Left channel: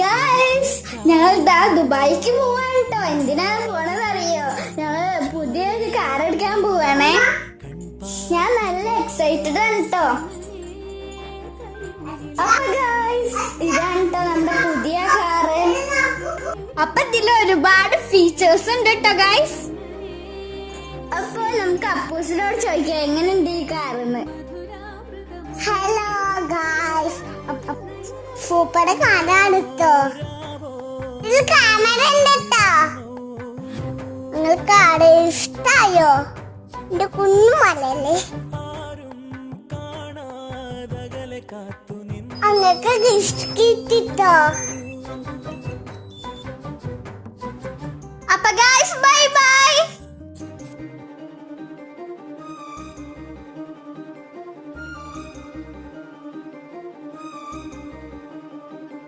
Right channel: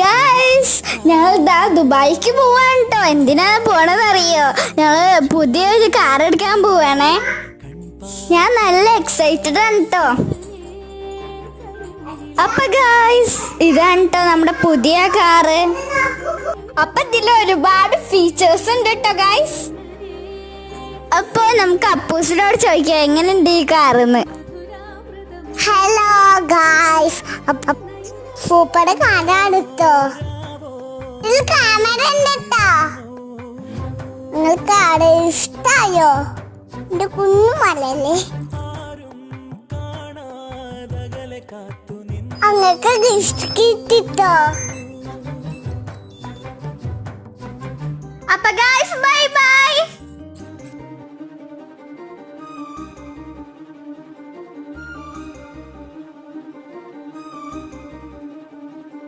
Guys ഞങ്ങൾ ഇതാ ദുബായിക്ക് പോവാണ് കേട്ടോ. എന്തിനാ പോണതറിയോ? ഞങ്ങള് പുതിയൊരു കാർ എടുക്കാൻ പോവാണേ. ഞാൻ നല്ല എക്സൈറ്റഡ് ആണ് കേട്ടോ. അപ്പൊ ഗൈസ് ഇതാണ് കേട്ടോ നമ്മുടെ പുതിയ കാറ്. അപ്പൊ ഇതിൽ ഒരുപാട് ഫീച്ചേഴ്സ് ഉണ്ട് കേട്ടോ ഗൈസ്. അപ്പൊ നമുക്ക് അപ്പൂസിനോട് ചോദിക്കാം എങ്ങനെയുണ്ട് ഈ കാറെന്ന്. ഹലോ ഗായ്സ്, സൂപ്പർ കാറാണ് ട്ടോ. ഇതിൽ ക്യാമറ ഉണ്ട് ട്ടോ. നിങ്ങൾക്ക് ആടെ ഇഷ്ടായോ? എന്റെ കുഞ്ഞുമലല്ലേ, അങ്ങക്ക് ഗിഫ്റ്റ് കിട്ടിട്ടോ. അപ്പൊ ഗൈസ് ബൈ ബൈ.